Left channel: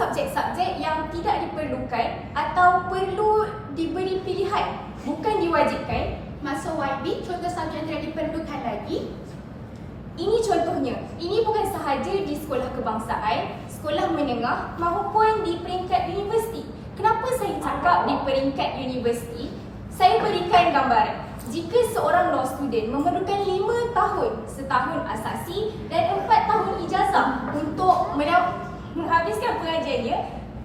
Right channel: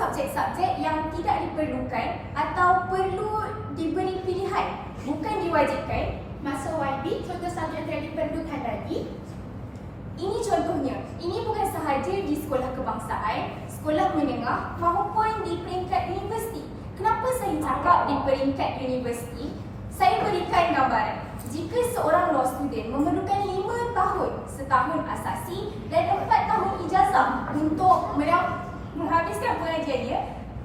subjek-subjek yang tidak diperlukan atau perlu diberi pilihan, bukan diwajibkan. Masuk YB, contoh subjek yang tidak diperlukan lagi. Ini contohnya, ini bukan sahaja di sekolah kebangsaan, sekolah menengah maupun di peringkat universiti. Kenapa saya cakap di peringkat universiti? Saya berikan gambaran. Jika seorang law student memerlukan 5 tahun, setahun asasi dan 4 tahun ijazah untuk menghabiskan pengajiannya,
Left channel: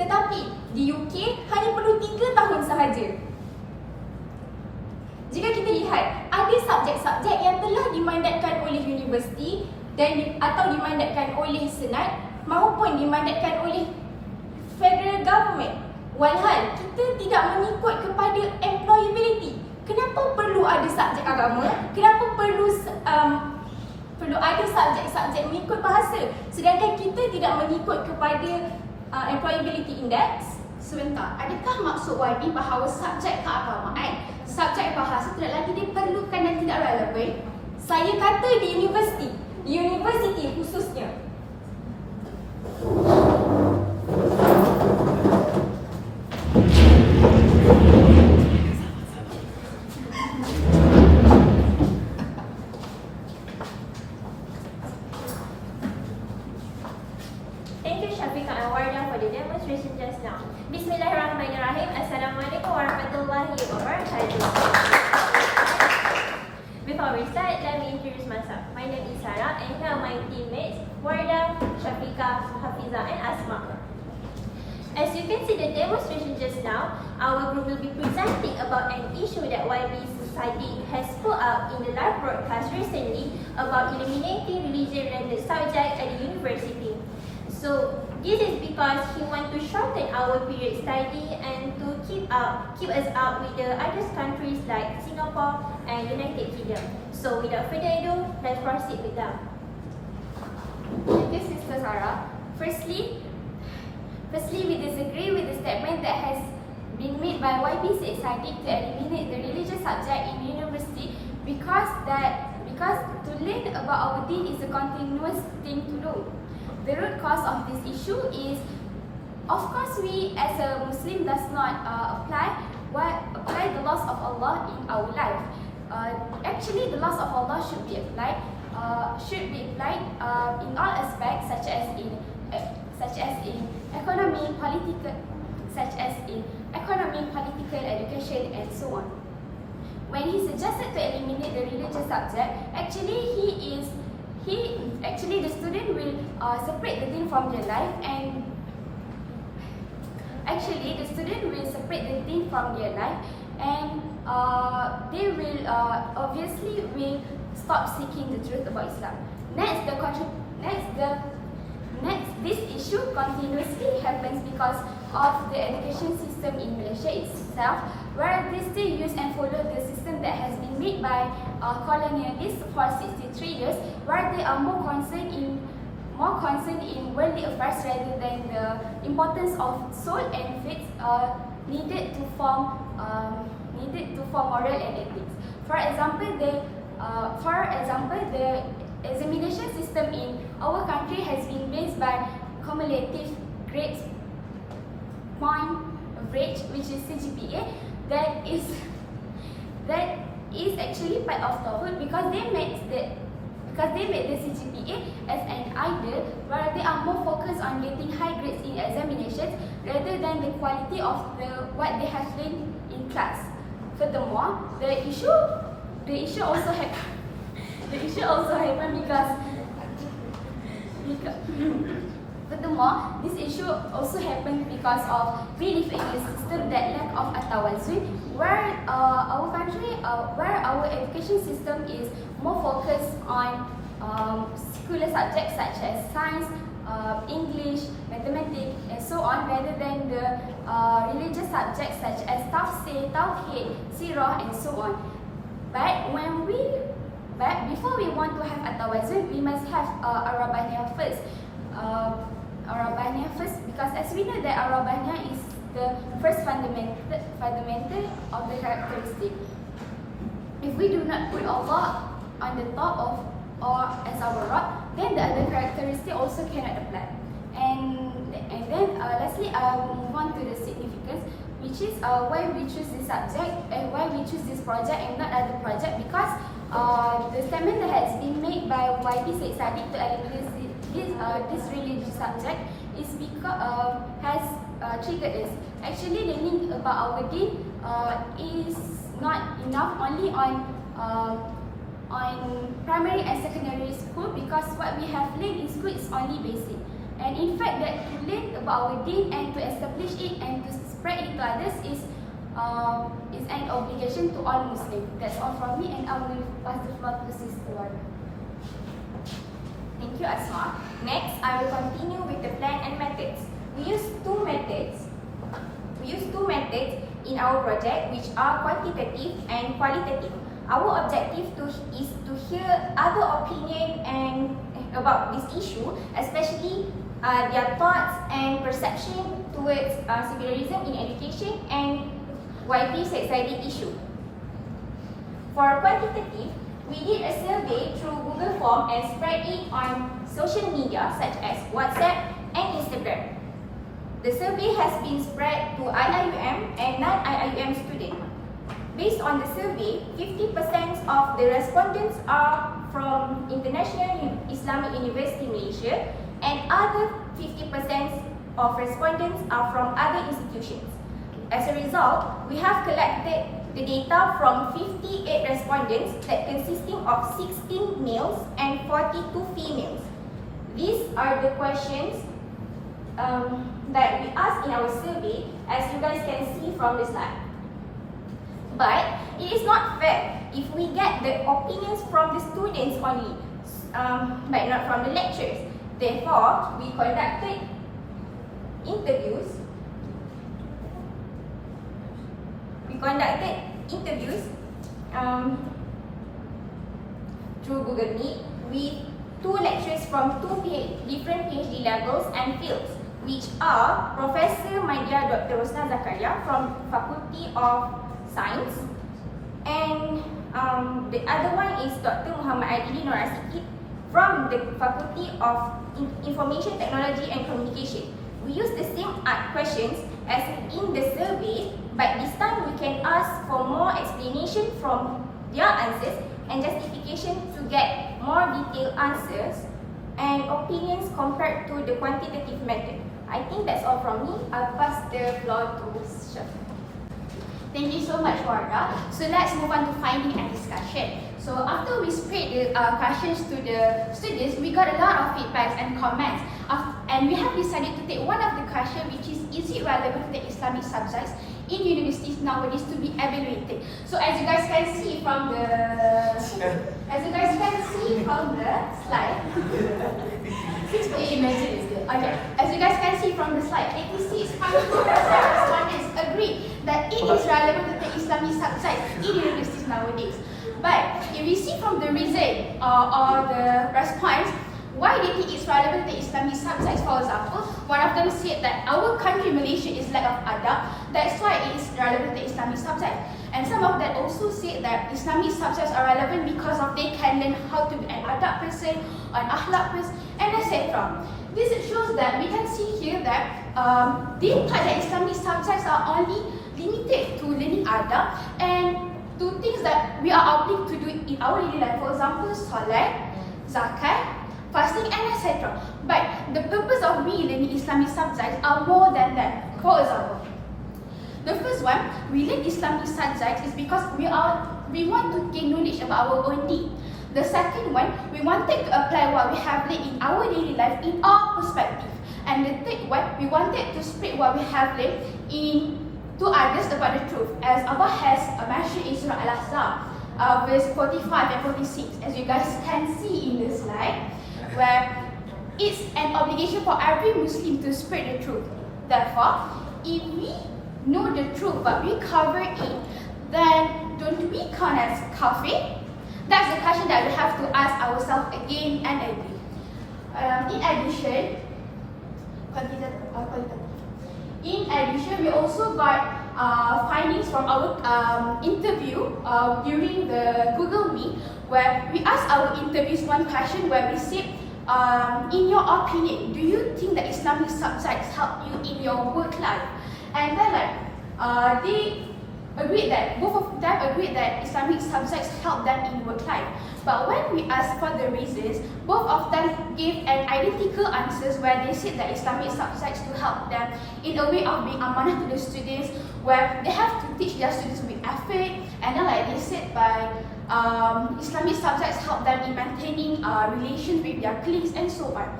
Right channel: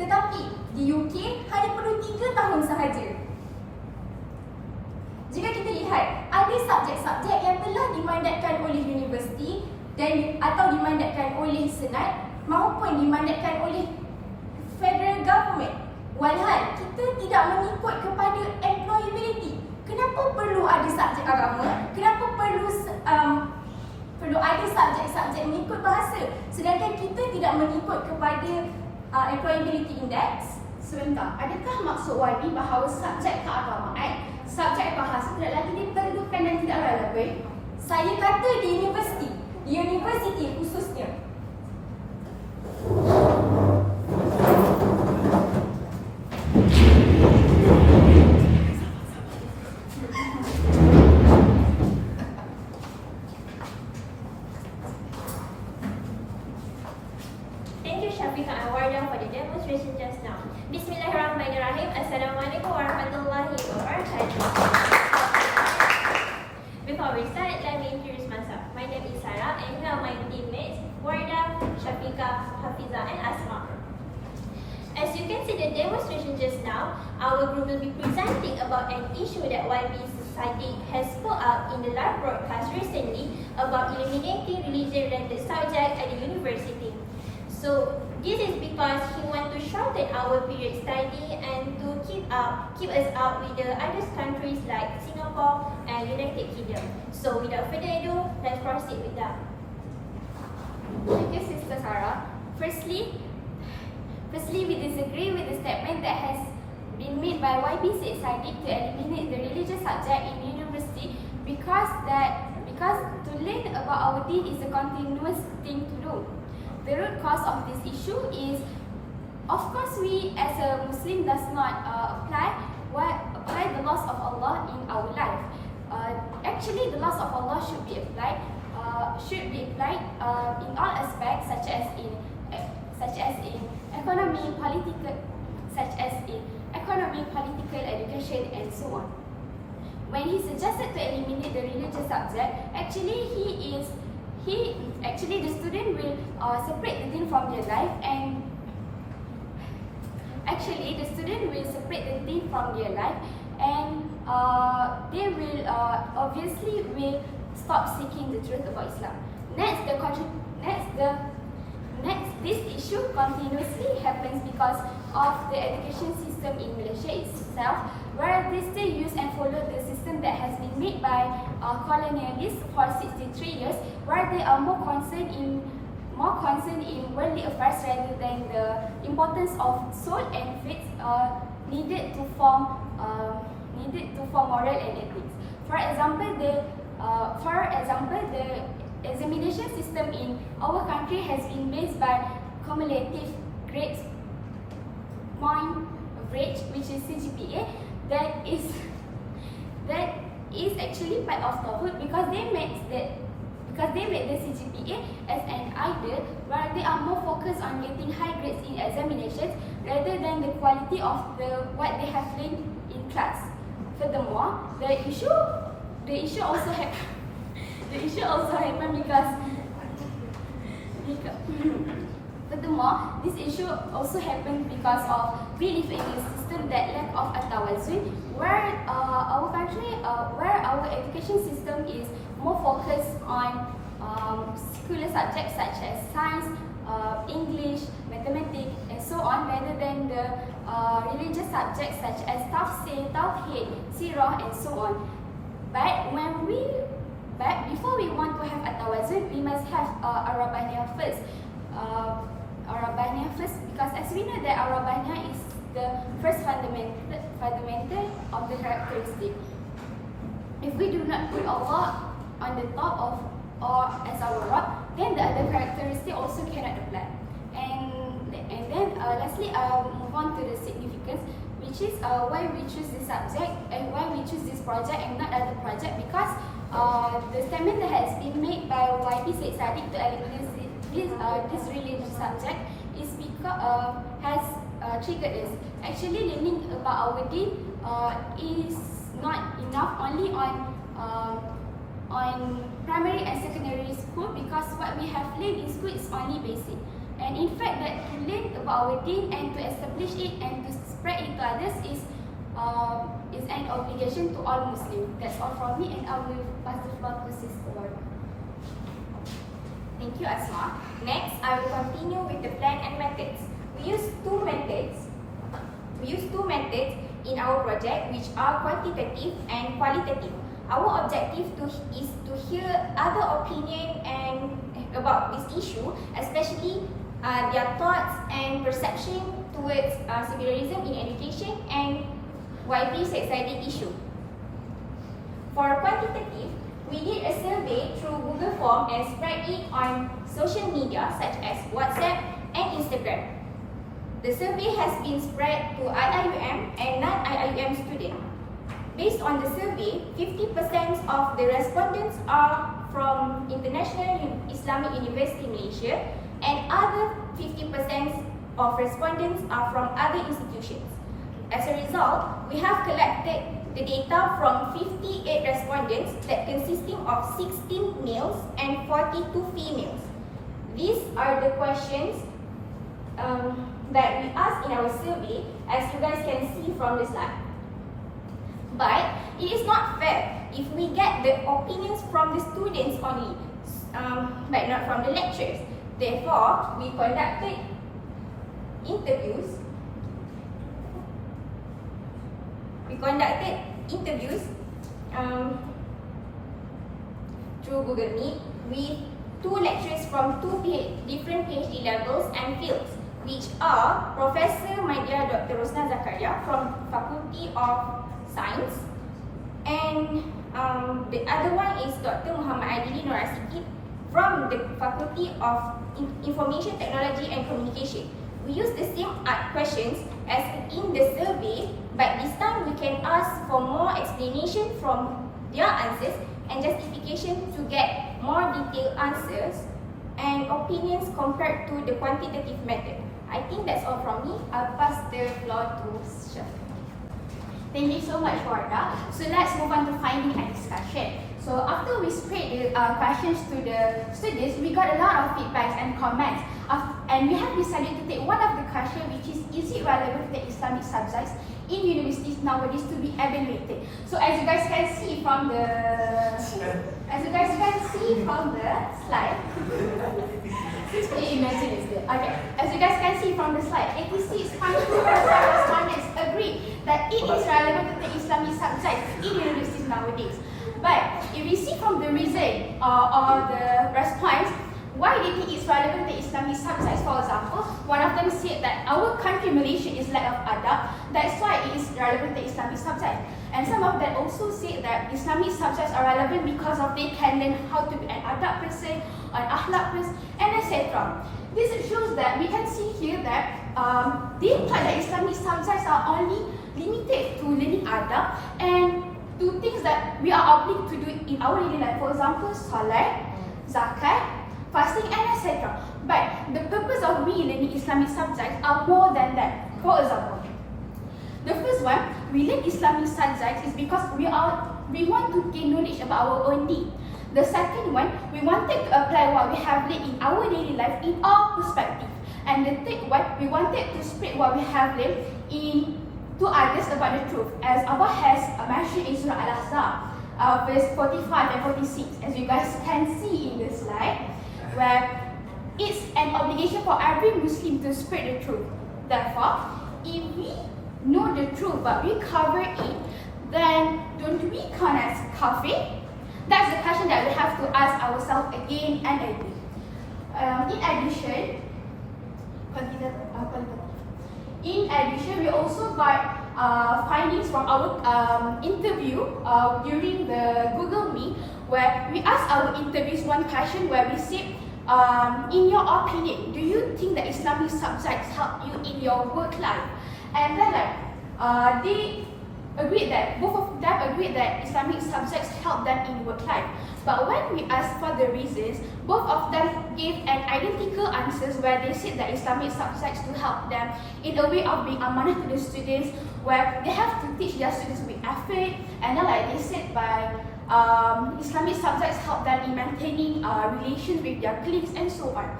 tetapi di UK hanya perlu 3 tahun sahaja. Jika kita lihat, ada subjek-subjek yang telah dimandatkan oleh universiti dan atau dimandatkan oleh senat maupun dimandatkan oleh federal government. Walhal kita tidak mengikut kepada employability. Kenapa perlu ada subjek agama? Kenapa perlu ada subjek-subjek mengikut bahasa? Sedangkan kita tidak mengikut kepada employability index. Sebentar, adakah maksud YB bahawa subjek keagamaan, subjek bahasa tidak lagi diperlukan dan tidak relevan? Saya kata di universiti khususnya. Thank you Syafiqah and Wardah for the demonstration just now. Bismillahirrahmanirrahim. Assalamualaikum warahmatullahi wabarakatuh. Before we start, let me introduce myself. My name is Sarah and here are my teammates Wardah, Syafiqah, Hafizah and Asma. As you can see the demonstration just now, our group will be presenting about an issue that YB Society has put out in the live broadcast recently about eliminating religion-related subject at the university. So this is because he wants to shorten our period study and to keep us out with the other countries like Singapore and United Kingdom. So without further ado, let's proceed with that. Thank you, Sister Sarah. Firstly, we disagree with the statement that has been made by YB Society to eliminate the religious subject in university because to learn about our deen is a continuous thing to do. The root cause of this issue is, of course, we as a Muslim does not apply the laws of Allah in our life. Actually, the laws of Allah should be applied in all aspects, such as in economy, political, education, and so on. When he suggested to eliminate the religious subject, the student will separate the deen from their life, and they will obviously stop seeking the truth about Islam. This issue continuously happens because of the education system in Malaysia itself, where they still use and follow the system that has been made by colonialists for 63 years, where they are more concerned in worldly affairs rather than the importance of soul and faith needed to form moral and ethics. For example, the examination system in our country has been based by cumulative grades point average, which is CGPA. That is actually part of Tawhid because they made the CGPA as an idol, where they are more focused on getting high grades in examinations rather than the quality of what they have learned in class. Furthermore, the issue also happened because this issue also happened because of we live in a system that lack of at-tawazun, where our education system is more focused on secular subjects such as science, English, mathematics, and so on, rather than the religious subjects such as tafsir, tauhid, sirah, and so on. But before we want to have at-tawazun, we must have Arabaniyah first. Because as we know that Arabaniyah is the first fundamental of the characteristic. If we do not put Allah on the top of or as our Rabb, then the other characteristic also cannot apply. And then lastly, I'll move on to the significance, which is why we choose this subject and why we choose this project and not other project, because the statement that has been made by YB Said Sadiq to eliminate this religious subject is because has triggered us. Actually, learning about our deen is not enough only on primary and secondary school, because what we have learned in school is only basic. And in fact, that to learn about our deen and to establish it and to spread it to others is an obligation to all Muslims. That's all from me, and I will pass the floor to Sister Warda. Thank you, Asma. Next, I will continue with the plan and methods. We use two methods in our project, which are quantitative and qualitative. Our objective is to hear other opinion and about this issue, especially their thoughts and perception towards secularism in education and YB Said Sadiq issue. For quantitative, we did a survey through Google Form and spread it on social media such as WhatsApp and Instagram. The survey has been spread to IIUM and non-IIUM students. Based on the survey, 50% of the respondents are from International Islamic University Malaysia, and other 50% of respondents are from other institutions. As a result, we have collected the data from 58 respondents that consisting of 16 males and 42 females. These are the questions that we asked in our survey, as you guys can see from the slide. But it is not fair if we get the opinions from the students only, but not from the lecturers. Therefore, we conducted interviews. Through Google Meet with two lecturers from different PhD levels and fields, which are Professor Maidia Dr. Rosna Zakaria from Faculty of Science, and the other one is Dr. Muhammad Adili Nur Asikit from the Faculty of Information Technology and Communication. We use the same questions as in the survey, but this time we can ask for more explanation from their answers and justification to get more detailed answers and opinions compared to the quantitative method. I think that's all from me. I'll pass the floor to Shafika. Thank you so much, Warda. So let's move on to finding and discussion. So after we spread the questions to the students, we got a lot of feedbacks and comments. And we have decided to take one of the questions, which is it relevant to the Islamic subjects in universities nowadays to be evaluated? So as you guys can see from the slide, imagine it's good. Okay. As you guys can see from the slide, 86.2% respondents agree that it is relevant to the Islamic subjects in universities nowadays. But if we see from the reason or the response, why they think it's relevant to Islamic subjects, for example, one of them said that our country, Malaysia, is lack of adab, that's why it is relevant to Islamic subjects. And some of them also said that Islamic subjects are relevant because of they can learn how to be an adab person, an akhlaq person, and etc. This shows that we can see here that they thought that Islamic subjects are only limited to learning adab and to things that we are obliged to do in our daily life. For example, salat, zakat, fasting, and etc. But the purpose of we learning Islamic subjects are more than that. For example, the first one, we learn Islamic subjects is because we want to gain knowledge about our own deen. The second one, we wanted to apply what we have learned in our daily life in our perspective. And the third one, we wanted to spread what we have learned to others about the truth, as Allah has mentioned in Surah Al-Ahzab, verse 45 and 46, as you guys can see in the slide, where it's an obligation for every Muslim to spread the truth. Therefore, if we know the truth but we cover it, then don't we count as kafir? That's the question that we have to ask ourselves again and again. In addition, we also got findings from our interview during the Google Meet, where we asked our interviews one question where we said, in your opinion, do you think that Islamic subjects help you in your work life? And then they agreed that, both of them agreed that Islamic subjects help them in work life. But when we asked for the reasons, both of them gave an identical answers where they said that Islamic subjects to help them in a way of being amanah to the students, where they have to teach their students with effort, and then they said by Islamic subjects help them in maintaining relations with their colleagues and so on.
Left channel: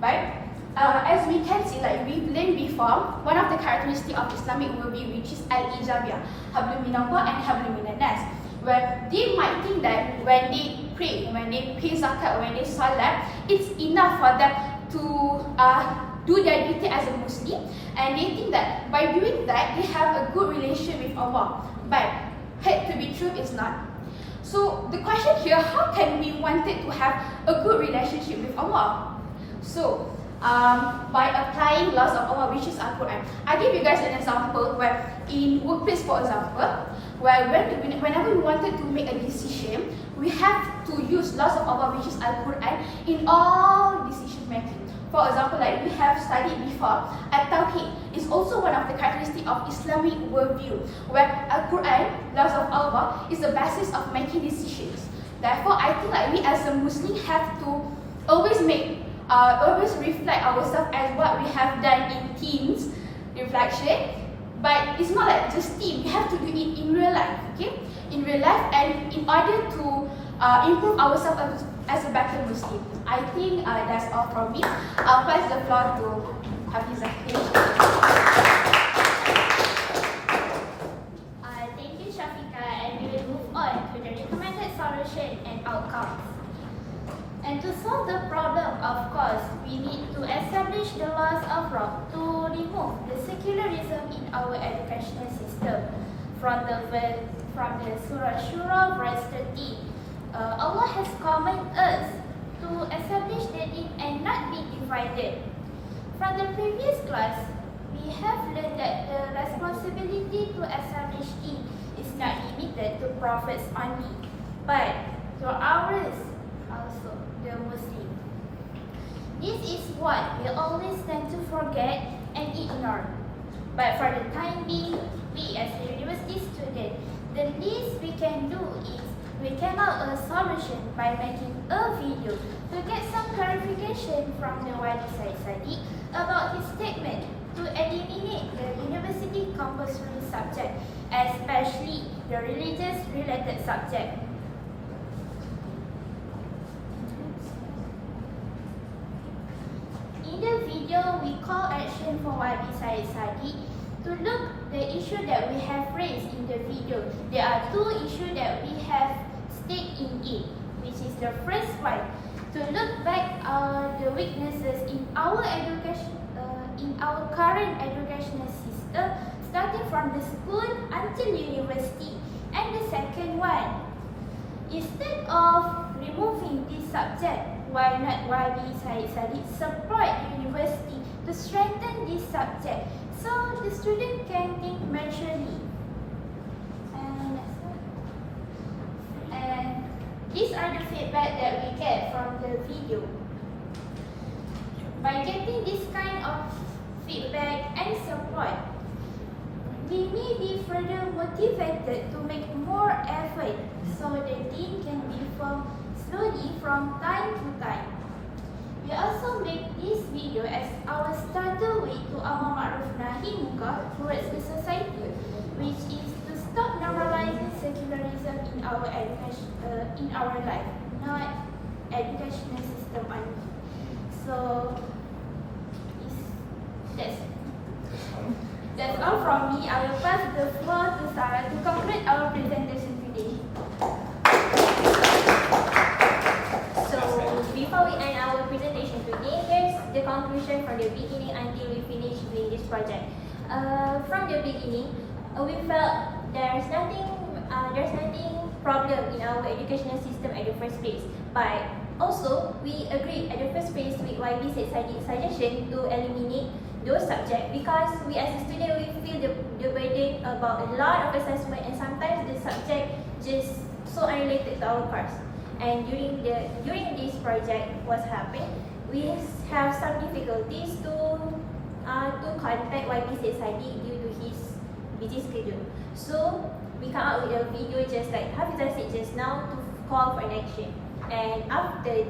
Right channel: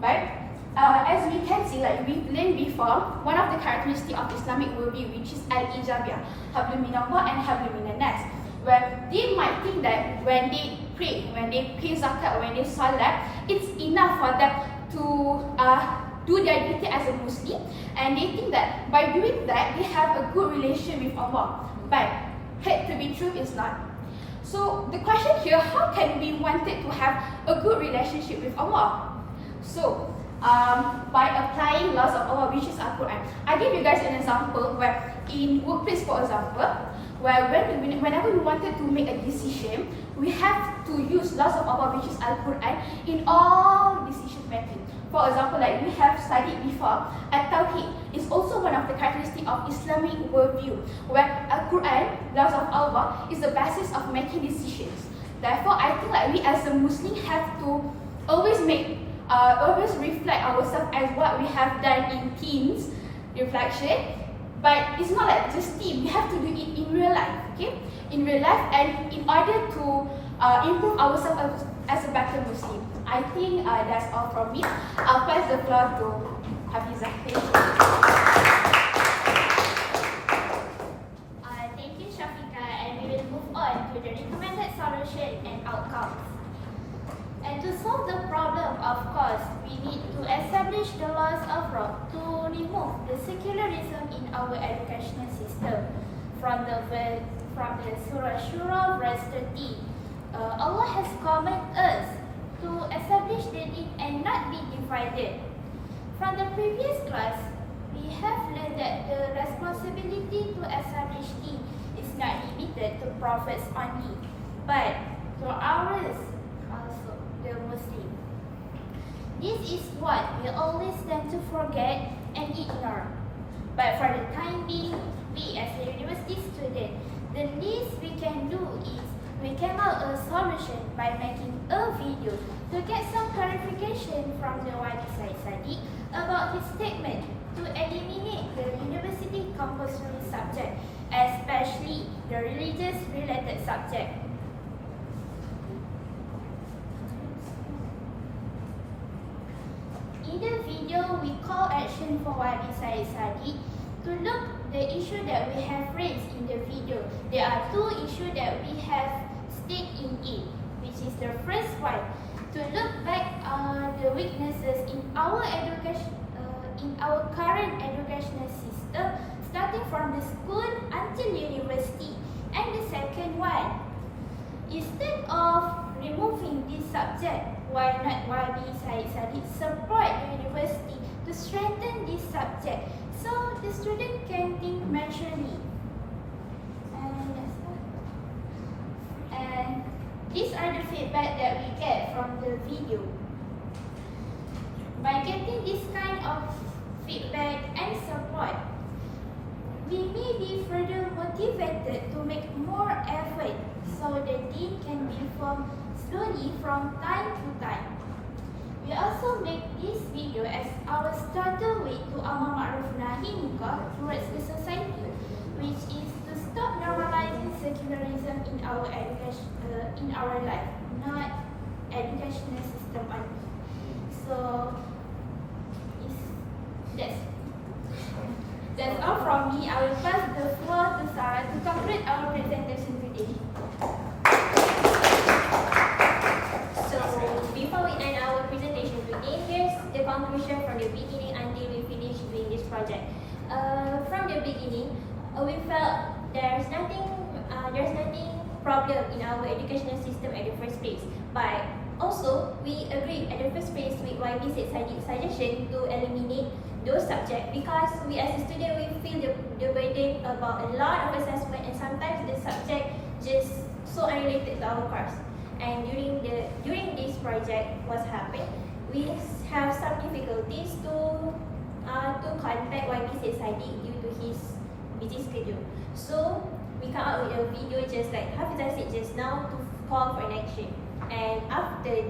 But as we can see, like we learned before, one of the characteristics of Islamic worldview, which is al-ijabiyah, hablum minallah and hablum minanas, where they might think that when they pray, when they pay zakat, when they salat, it's enough for them to do their duty as a Muslim, and they think that by doing that, they have a good relation with Allah. But had to be true is not. So the question here, how can we wanted to have a good relationship with Allah? So by applying laws of Allah, which is Al-Quran. I give you guys an example where in workplace, for example, where whenever we wanted to make a decision, we have to use laws of Allah, which is Al-Quran, in all decision making. For example, like we have studied before, At-Tawheed is also one of the characteristics of Islamic worldview, where Al-Quran, laws of Allah, is the basis of making decisions. Therefore, I think like we as a Muslim have to always reflect ourselves as what we have done in teams reflection, but it's not like just team. We have to do it in real life, okay? In real life, and in order to improve ourselves as a better Muslim. I think that's all from me. I'll pass the floor to Hafizah. Thank you, Shafika, and we will move on to the recommended solution and outcomes. And to solve the problem, of course, we need to establish the laws of rock to remove the secularism in our educational system. From the Surah Shura, verse 30, Allah has commanded us to establish the deen and not be divided. From the previous class, we have learned that the responsibility to establish deen is not limited to prophets only, but to ours also, the Muslim. This is what we always tend to forget and ignore. But for the time being, we as a university student, the least we can do is we came out a solution by making a video to get some clarification from the Wali Said Sadiq about his statement to eliminate the university compulsory subject, especially the religious related subject. In the video, we call action for Wali Said Sadiq to look the issue that we have raised in the video. There are two issues that we have stated in it, which is the first one, to look back on the weaknesses in our education, in our current educational system, starting from the school until university. And the second one, instead of removing this subject, why not Wali Said Sadiq support the university to strengthen this subject so the student can think maturely. And these are the feedback that we get from the video. By getting this kind of feedback and support, we may be further motivated to make more effort so the deen can be formed slowly from time to time. We also make this video as our starter way to Amar Ma'ruf Nahi Munkar towards the society, which is to stop normalizing secularism in our education, in our life, not educational system only. So that's all from me. I will pass the floor to Sarah to conclude our presentation today. So before we end our presentation today, here's the conclusion from the beginning until we finish doing this project. From the beginning, we felt there's nothing problem in our educational system at the first place. But also, we agreed at the first place with YB Said Sadiq's suggestion to eliminate those subjects because we as a student, we feel the burden about a lot of assessment and sometimes the subject just so unrelated to our course. And during this project was happening, we have some difficulties to contact YP Sadiq due to his busy schedule. So we come up with a video just like Hafizah said just now to call for an action. And after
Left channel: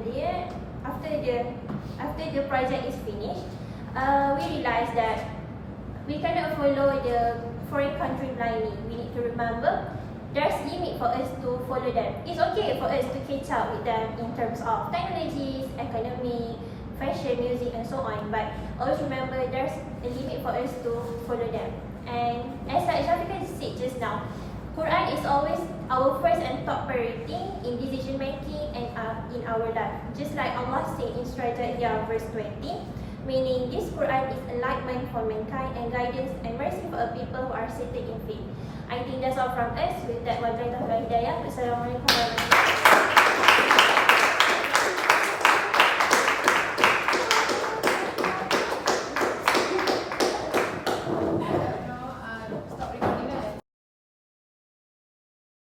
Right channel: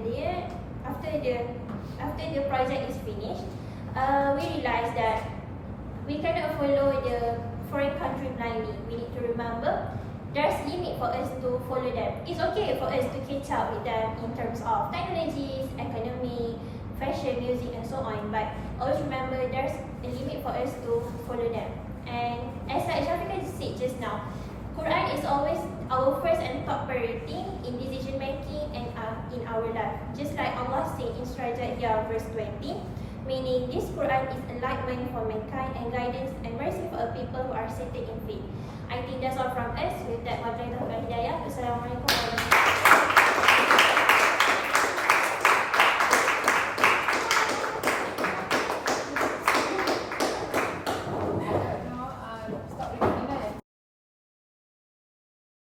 the project is finished, we realized that we cannot follow the foreign country blindly. We need to remember there's limit for us to follow them. It's okay for us to catch up with them in terms of technologies, economy, fashion, music and so on, but always remember there's a limit for us to follow them. And as Shafiqah said just now, Quran is always our first and top priority in decision making and in our life. Just like Allah said in Surah Al-Hijr verse 20, meaning this Quran is enlightenment for mankind and guidance and mercy for a people who are settled in faith. I think that's all from us. With that, wabillahi taufiq wal hidayah. Wassalamualaikum warahmatullahi wabarakatuh.